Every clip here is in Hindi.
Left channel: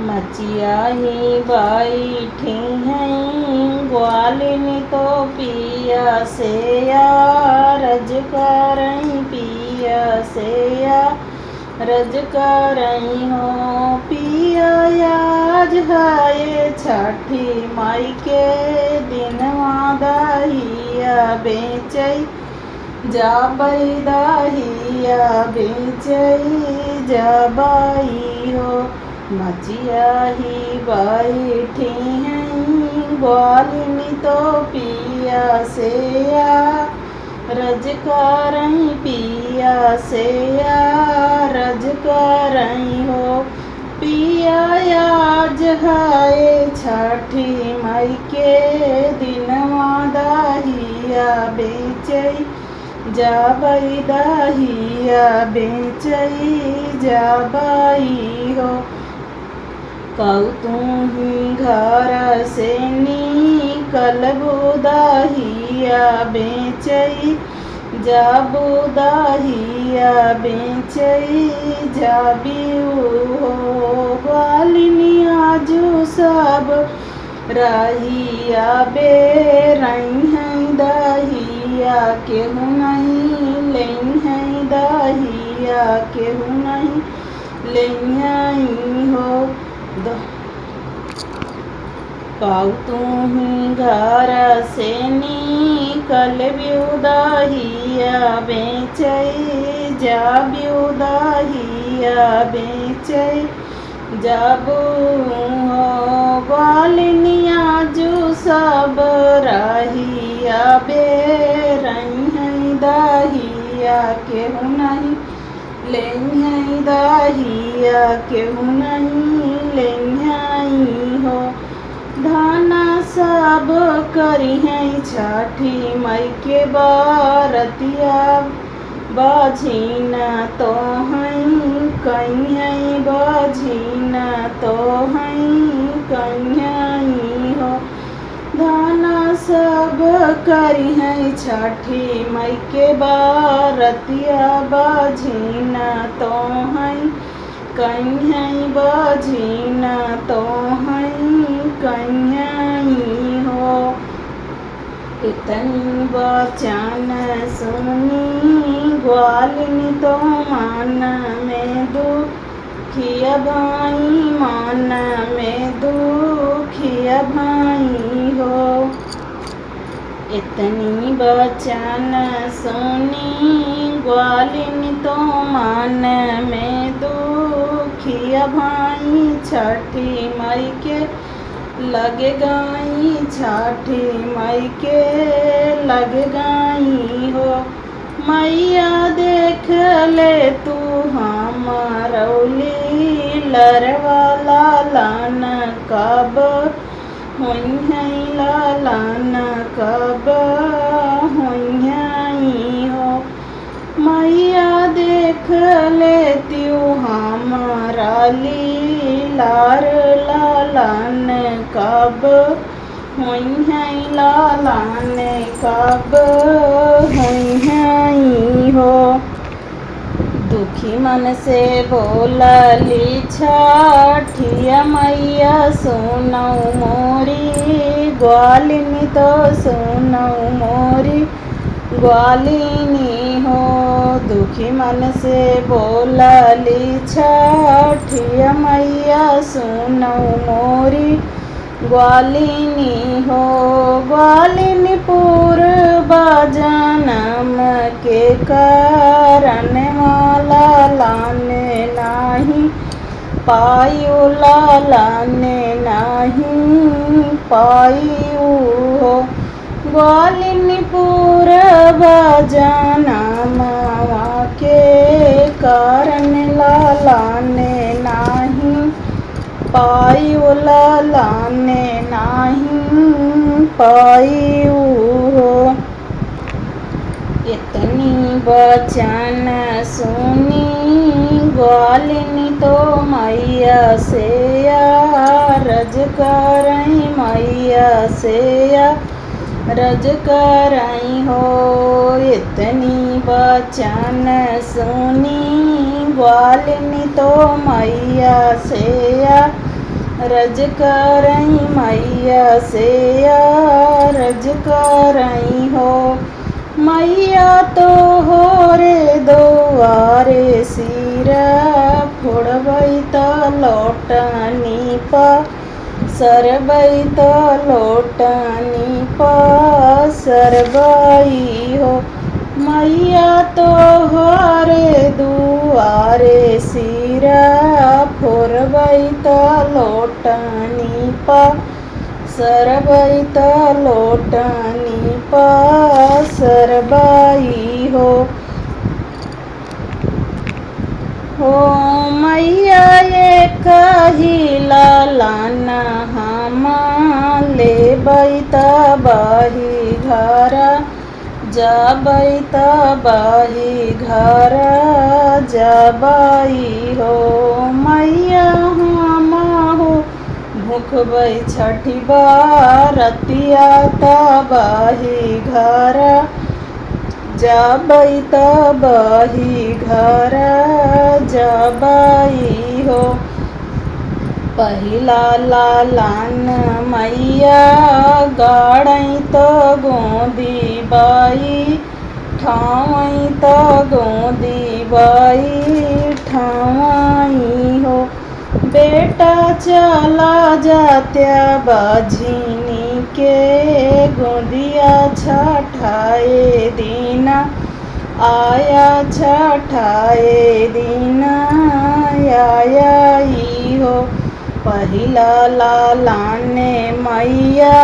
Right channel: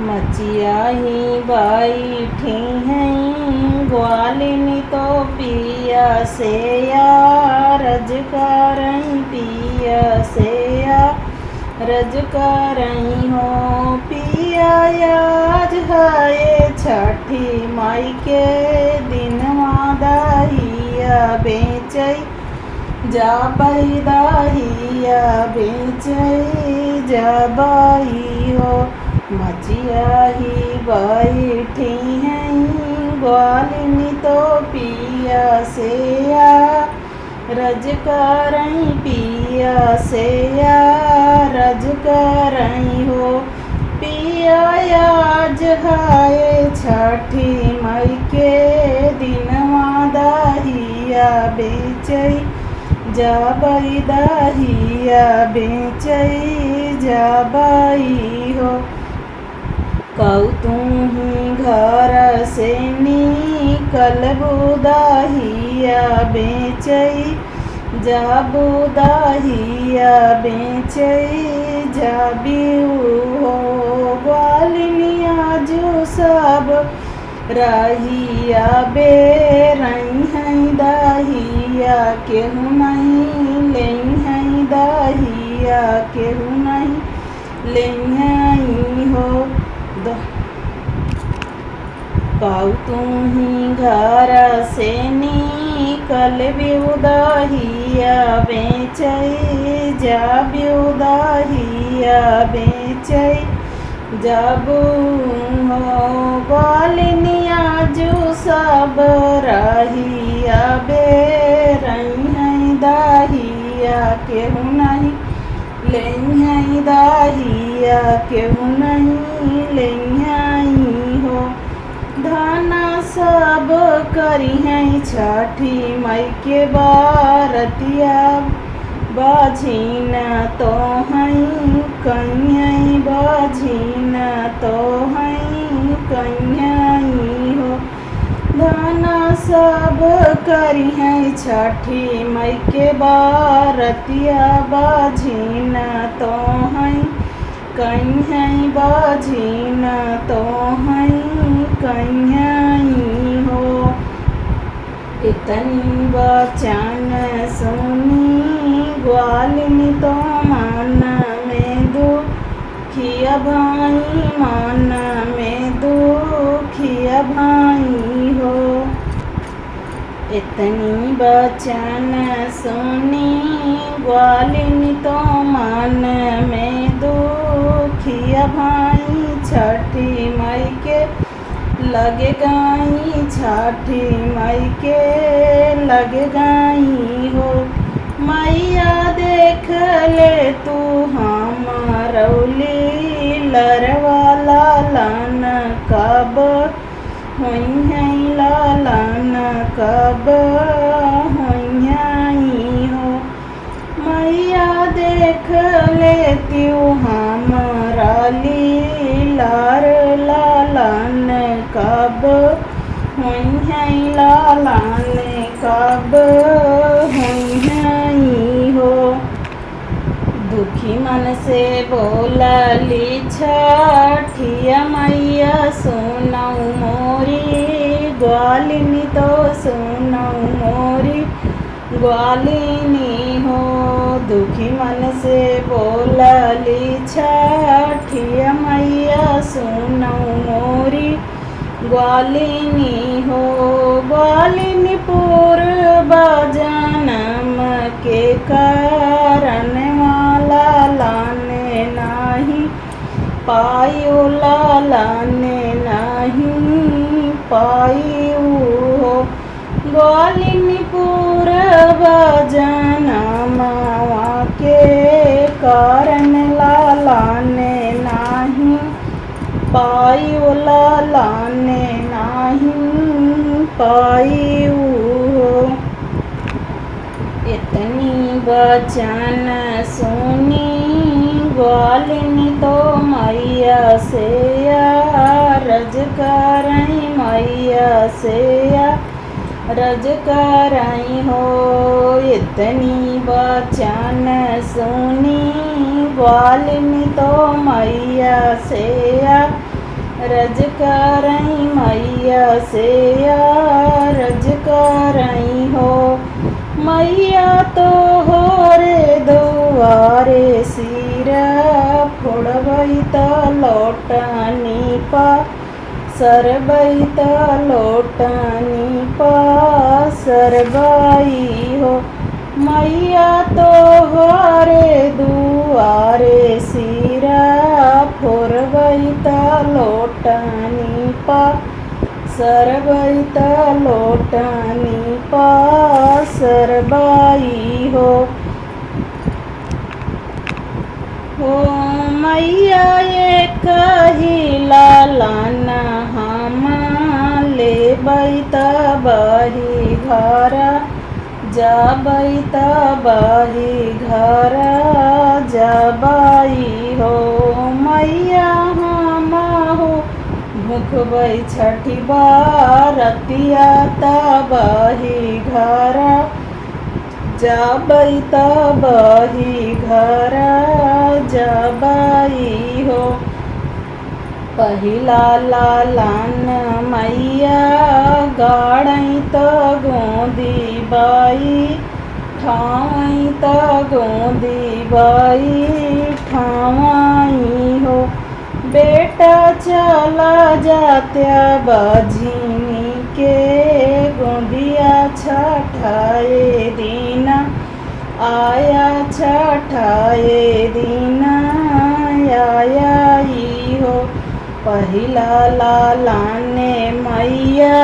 मचिया ही बैठी हैं ग्वालिनी तो पिया से रज करई पिया से रज करई हो पिया आज है छठी माई के दिन दहिया बेचई जाबई दहिया बेचई जाबई हो मचिया ही बैठी हैं ग्वालिनी तो पिया से रज करई पिया से रज करई हो पिया आज है छठी माई के दिनवा दहिया बेचई जाबई दहिया बेचई जाबई हो तुम घर से निकलबू दहिया बेचई जाबू दहिया बेचई जाबिऊ हो ग्वालिनिया जो सब रहिया बेरई हैं दहिया केहू नहीं लेई हैं दहिया केहू नहीं लेई हो तुम घर से निकलबू दहिया बेचई जाबू दहिया बेचई जाबू हो ग्वालिनिया जो सब रहिया बेरई हैं दहिया केहू नहीं लेई हैं दहिया केहू नहीं लेई हो धाना सब करी हैं छठी माई के बारतिया बाझीन तो हैं कहीं हैं बाझीन तो हैं कहीं हो धाना सब करी हैं छठी माई के बारतिया बाझीन तो हैं कहीं हैं बाझीन तो हैं कहीं हो इतनी बचन सुनी ग्वालिनी तो मन में दुखिया भाई मन में दुखिया भाई हो इतनी बचन सुनी ग्वालिनी तो मन में दुखिया भाई छठी माई के लगे गाई छठी माई के लगे गाई हो मैया देख ले तू हम रौली लरवाला लान कब हुई हैं लालान कब हुई हैं हो मैया देख लेती हमारा लीलार लालान कब हुई हैं लालान कब हुई हैं हो दुखी मन से बोलली छठिया मैया सुनऊ मोरी ग्वालिनी तो सुनऊ मोरी ग्वालिनी हो दुखी मन से बोलली छठिया मैया सुनऊ मोरी ग्वालिनी हो ग्वालिनी पूर्व जन्म के कारण वाला लाने नहीं पायु लाने नहीं पायु हो ग्वालिनी पूर्व जन्म के कारण लाने नहीं पायु लाने नहीं पायु हो इतनी बचन सुनी ग्वालिनी तो मैया से रज करई मैया से रज करई हो इतनी बचन सुनी ग्वालिनी तो मैया से रज करई मैया से रज करई हो। मैया तो हो रे दुआरे सिरा फोड़बई त लौटनी पा सरबई त लौटनी पा सरबई हो। मैया तो हो रे दुआरे सिरा फोड़बई त लौटनी पा सरबई त लौटनी पा सरबई हो। हो मैया ये कहिला लाना हम लेबई त बही घर जबई त बही घर जबई हो। मैया हम हो भूखबई छठी बरतिया त बही घर जबई त बही घर जबई हो। पहिला लालन मैया गाड़ई त गोदी बाई ठावई त गोदी बाई ठावई हो। बेटा चला जात्या बझिनी के गोदिया छठाए दीना आया छठाए दीना आयाई हो। पहिला लालाने मैया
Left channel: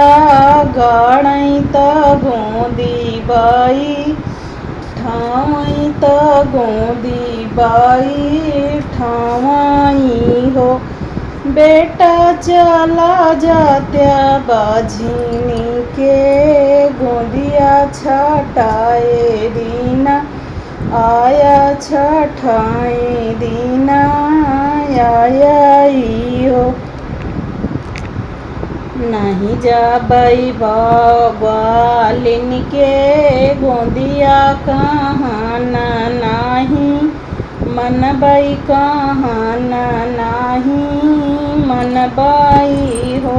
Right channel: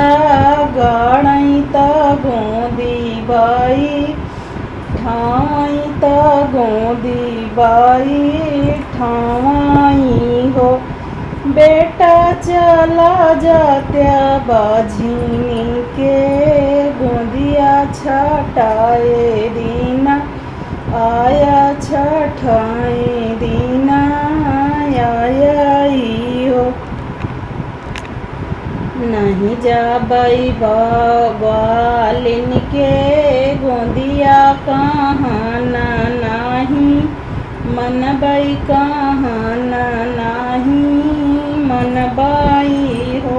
गाड़ई त गोदी बाई ठावई त गोदी बाई ठावई हो। बेटा चला जात्या बाझिनी के गोदिया छठाए दीना आया छठाए दीना आयाई हो। नहीं जाबई बालिन के गोदिया कहाना नाही मनबई कहाना नाही मनबई हो।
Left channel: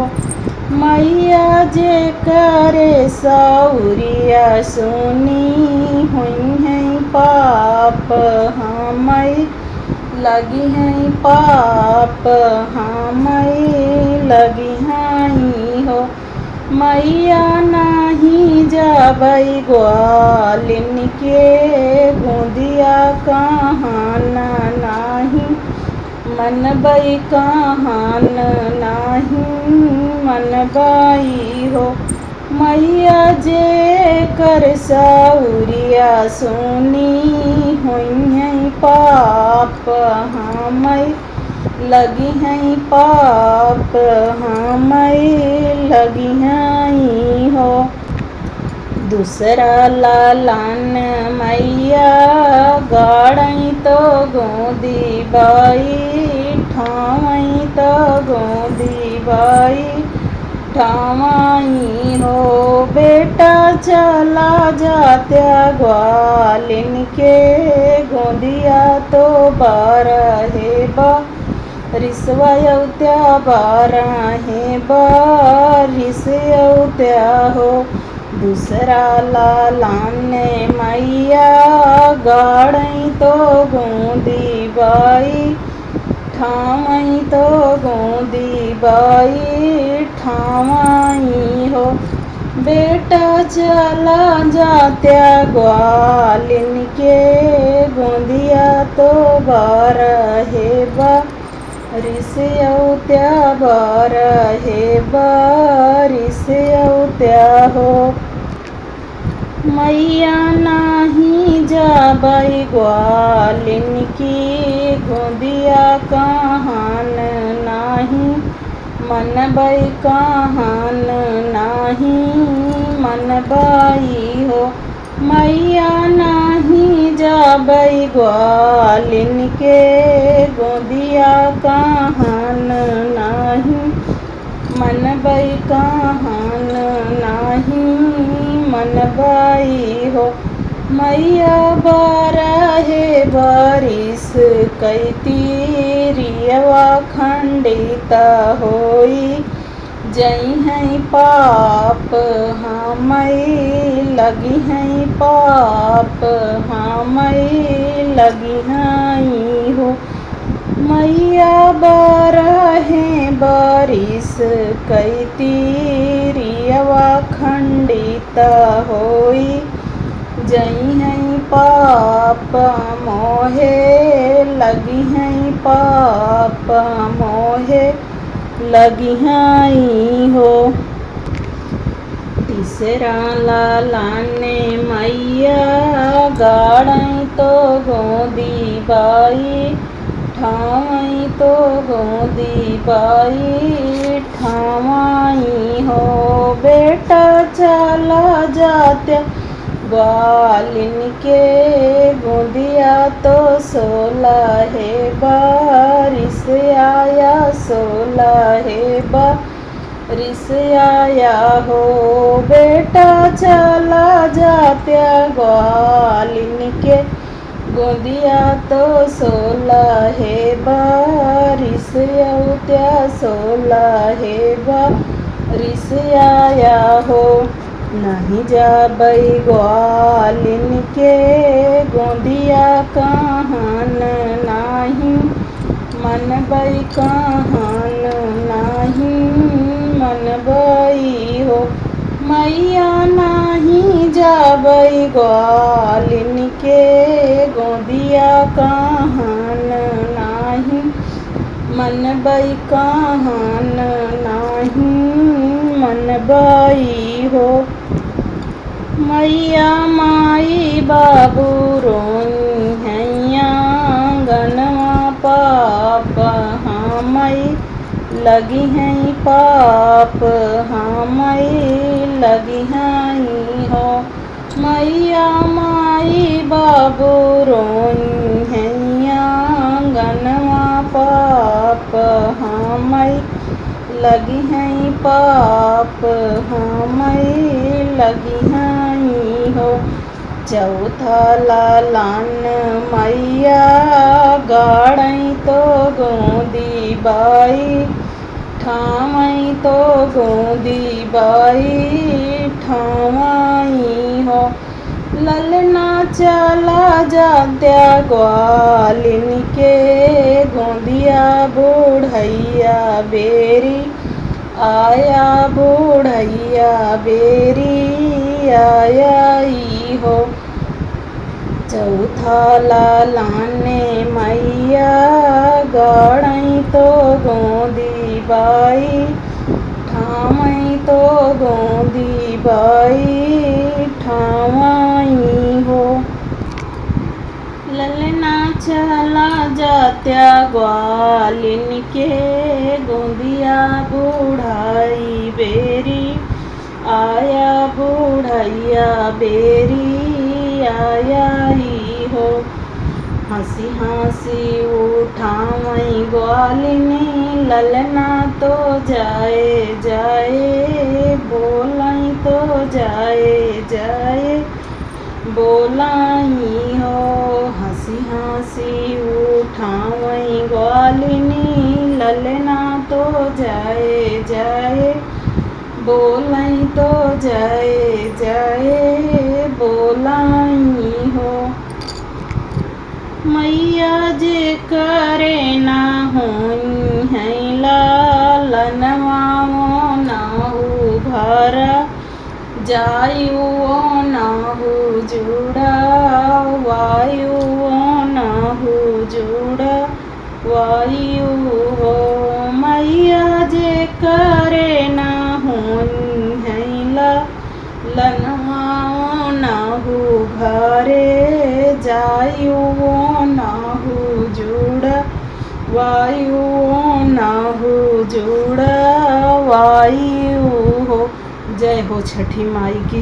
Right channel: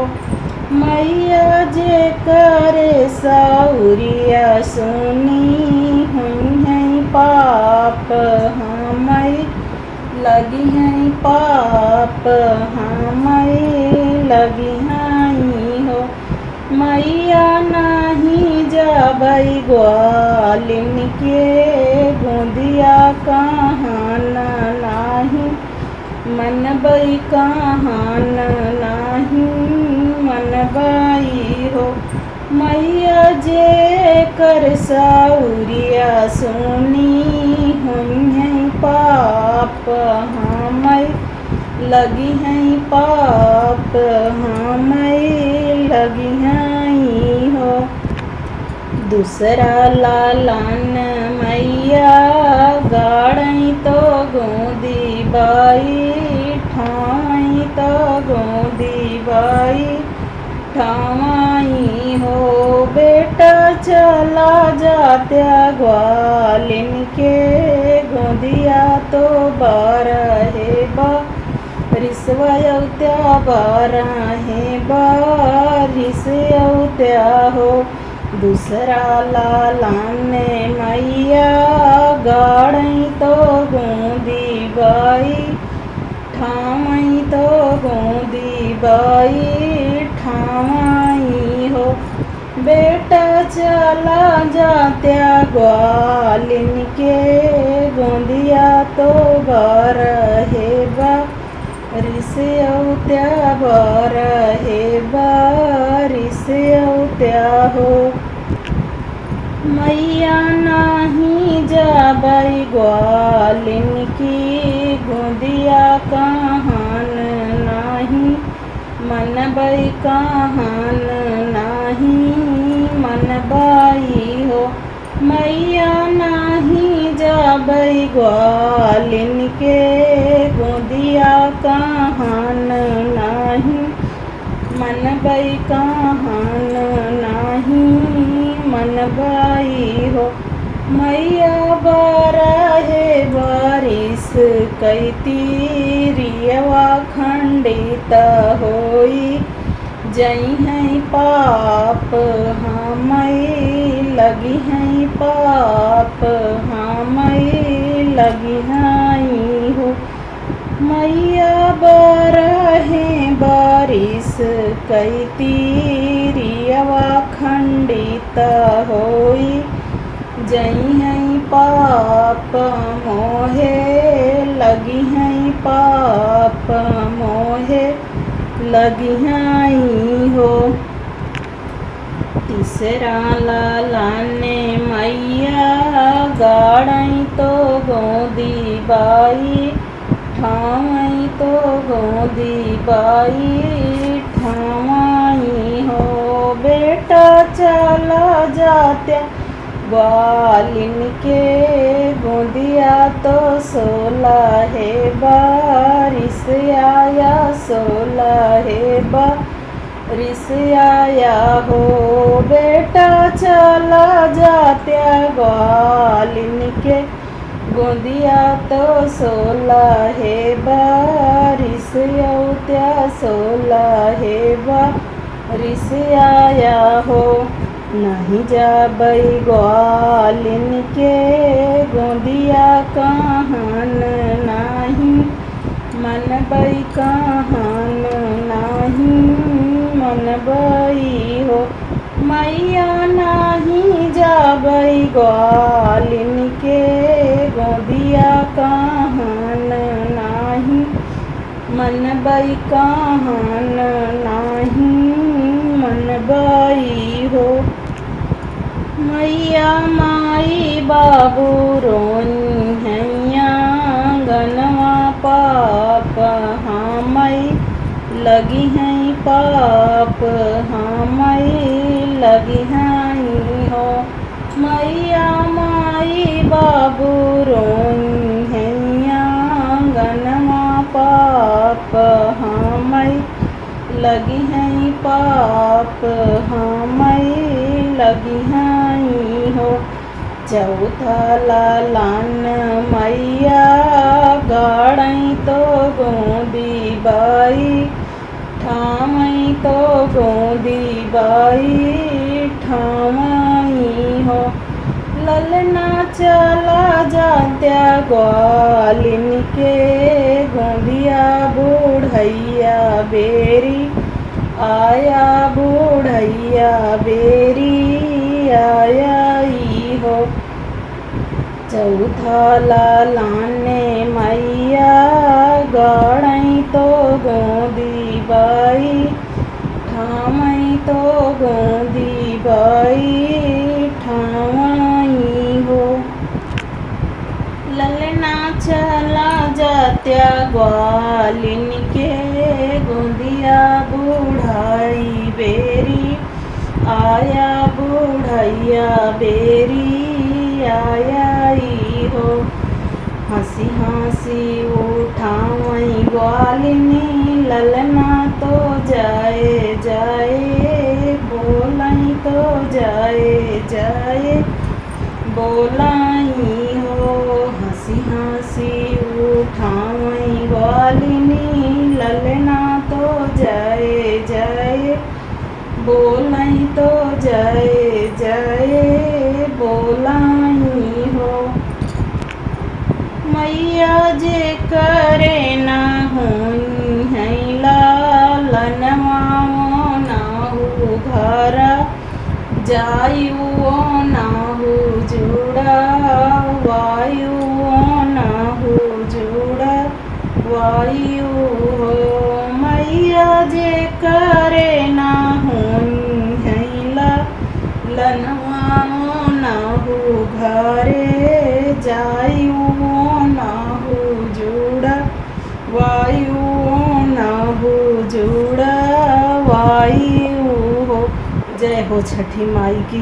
मैया जे करे सौरिया सुनी हुई है पाप हमई लगी हैं पाप हमई लगी हैं हो। मैया नहीं जाबई ग्वालिन के गोदिया कहाना नाही मनबई कहान नाही मनबई हो। मैया जे कर सौरिया सुनी हुई हैं पाप हमई लगी हैं पाप हमई लगी हैं हो। दूसरा लालन मैया गाड़ई तो गोदी बाई ठावई तो गोदी बाई ठावई हो। बेटा चला जात्या ग्वालिन के गोदिया तो बारहे बा रिसवत्या बारहे बारिसयत्या हो। दूसरा लालन मैया गाड़ई तो गोदी बाई ठावई तो गोदी बाई ठावई हो। बेटा चला जात्या ग्वालिन के गोदिया तो बारहे बा रिसयत्या बारहे बारिसयत्या हो। मैया नहीं जाबई ग्वालिन की गोदिया कहान नाही मनबई कहान नाही मनबई हो। मैया नहीं जाबई ग्वालिन के गोदिया कहान नाही मनबई कहान नाही मनबई हो। मैया बारहे बारिश कैती रियवा खंडित खंडित होई जई हैं पाप हमई लगी हैं पाप हमई लगी हैं हो मैया बरहे बारिश कई तीरियवा खंडित होई जई हैं पाप मोहे लगी हैं पाप मोहे लगी हैं हो तीसरा लालाने मैया गाड़ई तो गोदी बाई ठावई तो गोदी बाई ठावाई हो बेटा चला जात्या ग्वालिन के गोदिया तो सोला है बारिश आया सोला है बारिश आया हो बेटा चला जात्या ग्वालिन के गोदिया तो सोला है बारिश औत्या सोला है बारिश आया हो नहीं जाबई ग्वालिन के गोदिया कहन नाही मनबई कहन नाही मनबई हो मैया नहीं जाबई ग्वालिन के गोदिया कहन नाही मनबई कहन नाही मनबई हो मैया माई बाबू रोई हैया गनवा पाप हमई लगी हैं पाप हमई लगी हैं हो मैया माई बाबू रोई हैया गनवा पाप हमई लगी हैं पाप हमई लगी हैं हो चौथा लालान मैया गाड़ई तो गोदी बाई ठावई तो गोदी बाई ठावई हो ललना चला जात्या ग्वालिन के गोदिया बूढ़ैया बेरी आया बूढ़ैया बेरी आया हो चौथा लालाने मैया गाड़ई तो गोदी बाई ठावई तो गोदी बाई ठावई हो ललना चला जात्या ग्वालिन के गोदिया बूढ़ाई बेरी आया बूढ़ैया बेरी आया हो हंसी हंसी उठाई ग्वालिनी ललना तो जाए जाए बोलाई तो जाए जाए बोलाई हो हंसी हंसी उठाई ग्वालिनी ललना तो जाए जाए बोलाई तो जाए जाए बोलाई हो मैया जे करे ना होई है लालनवा नाहू घरा जायु नाहू जुड़ा वायु नाहू जुड़ा वायु हो मैया जे करे ना होई है लनवा नाहू घरे जायु नाहू जुड़ा वायु नाहू जुड़ा वायु हो। जय हो छठी माई की।